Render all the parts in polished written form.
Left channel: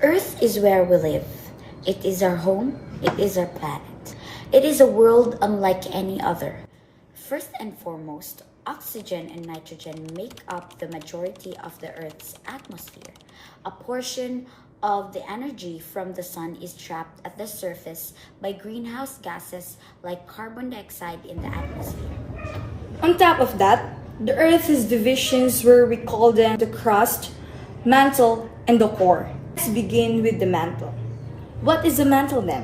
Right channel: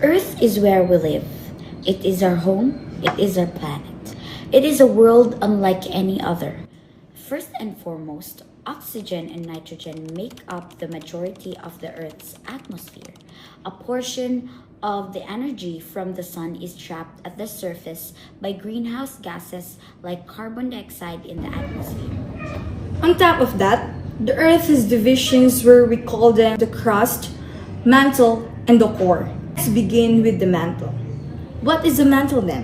Earth is where we live. It is our home. It is our planet. It is a world unlike any other. First and foremost, oxygen and nitrogen make up the majority of the Earth's atmosphere. A portion of the energy from the sun is trapped at the surface by greenhouse gases like carbon dioxide in the atmosphere. On top of that, the Earth has divisions where we call them the crust, mantle, and the core. Let's begin with the mantle. What is the mantle then?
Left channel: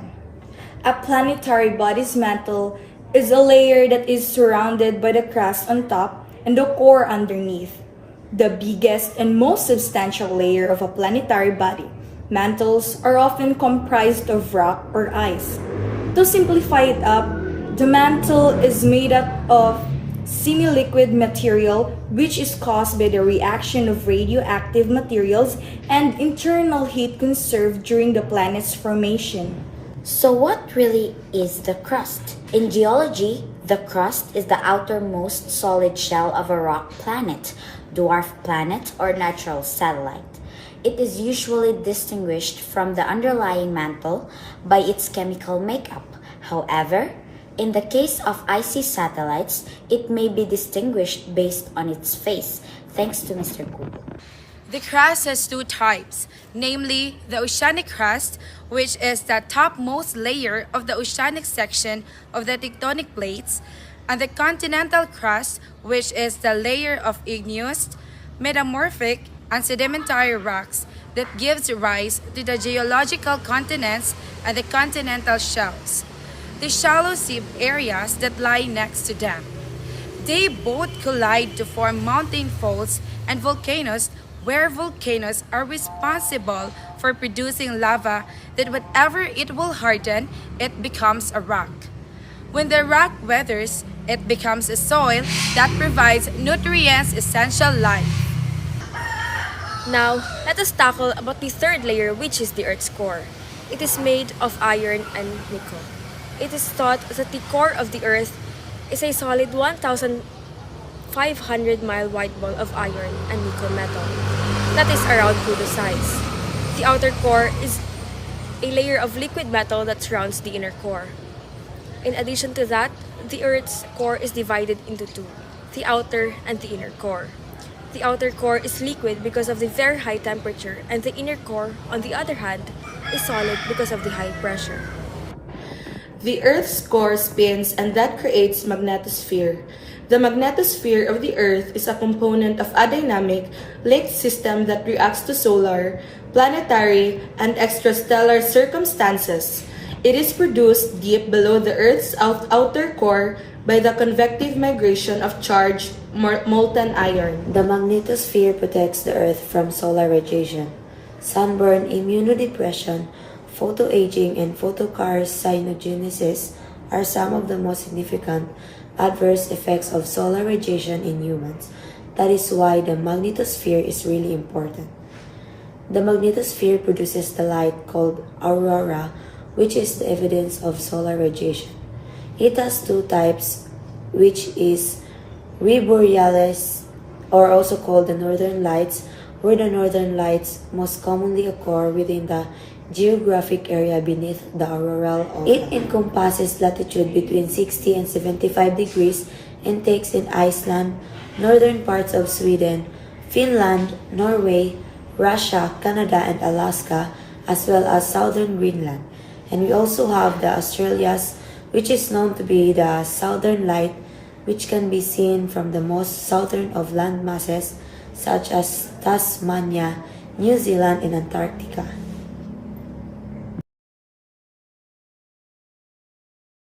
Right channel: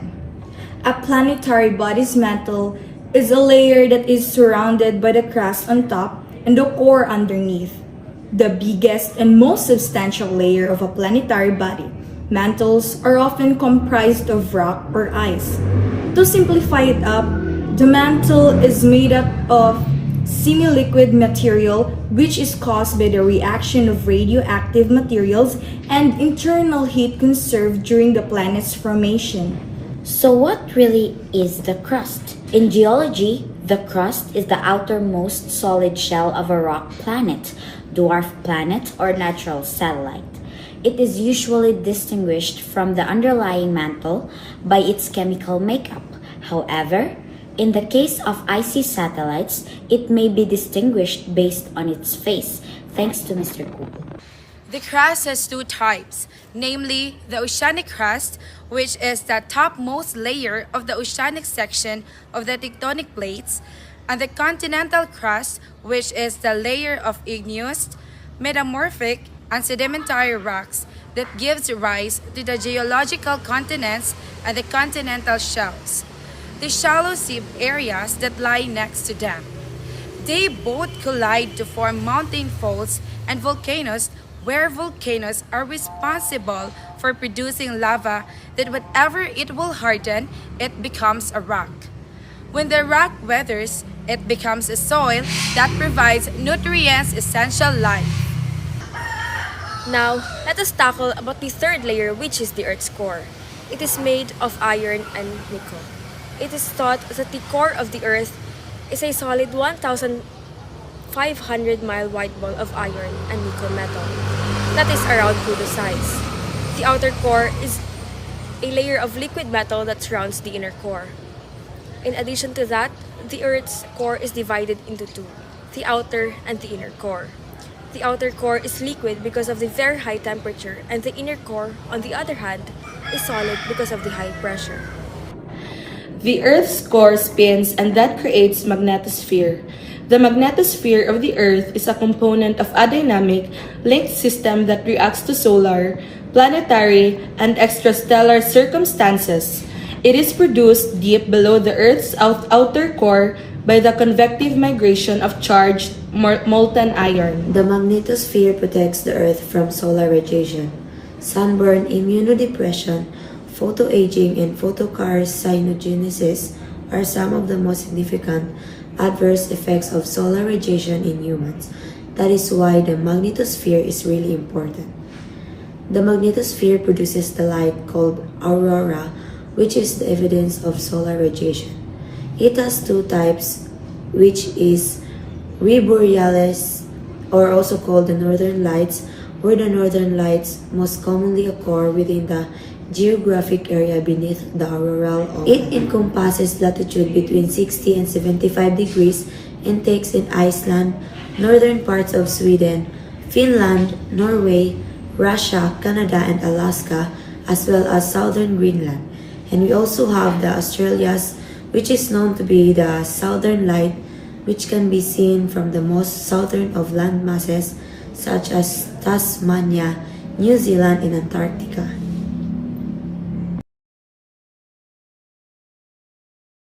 A planetary body's mantle is a layer that is surrounded by the crust on top and the core underneath. The biggest and most substantial layer of a planetary body. Mantles are often comprised of rock or ice. To simplify it up, the mantle is made up of semi-liquid material which is caused by the reaction of radioactive materials and internal heat conserved during the planet's formation. So what really is the crust? In geology, the crust is the outermost solid shell of a rock planet, dwarf planet, or natural satellite. It is usually distinguished from the underlying mantle by its chemical makeup. However, in the case of icy satellites, it may be distinguished based on its face, thanks to Mr. Google. The crust has two types, namely the oceanic crust, which is the topmost layer of the oceanic section of the tectonic plates, and the continental crust, which is the layer of igneous, metamorphic, and sedimentary rocks that gives rise to the geological continents and the continental shelves, the shallow sea areas that lie next to them. They both collide to form mountain faults and volcanoes, where volcanoes are responsible for producing lava that whenever it will harden, it becomes a rock. When the rock weathers, it becomes a soil that provides nutrients essential life. Now, let us tackle about the third layer, which is the Earth's core. It is made of iron and nickel. It is thought that the core of the Earth is a solid 1,500-mile wide ball of iron and nickel metal that is around Pluto's size. The outer core is a layer of liquid metal that surrounds the inner core. In addition to that, the Earth's core is divided into two, the outer and the inner core. The outer core is liquid because of the very high temperature, and the inner core, on the other hand, is solid because of the high pressure. The Earth's core spins, and that creates magnetosphere. The magnetosphere of the Earth is a component of a dynamic, linked system that reacts to solar, planetary, and extrastellar circumstances. It is produced deep below the Earth's outer core by the convective migration of charged molten iron. The magnetosphere protects the Earth from solar radiation. Sunburn, immunodepression, photoaging, and photocarcinogenesis are some of the most significant adverse effects of solar radiation in humans. That is why the magnetosphere is really important. The magnetosphere produces the light called aurora, which is the evidence of solar radiation. It has two types, which is borealis, or also called the northern lights, where the northern lights most commonly occur within the geographic area beneath the auroral oval. It encompasses latitude between 60 and 75 degrees and takes in Iceland, northern parts of Sweden, Finland, Norway, Russia, Canada, and Alaska, as well as southern Greenland. And we also have the Australias, which is known to be the southern light, which can be seen from the most southern of land masses such as Tasmania, New Zealand, and Antarctica.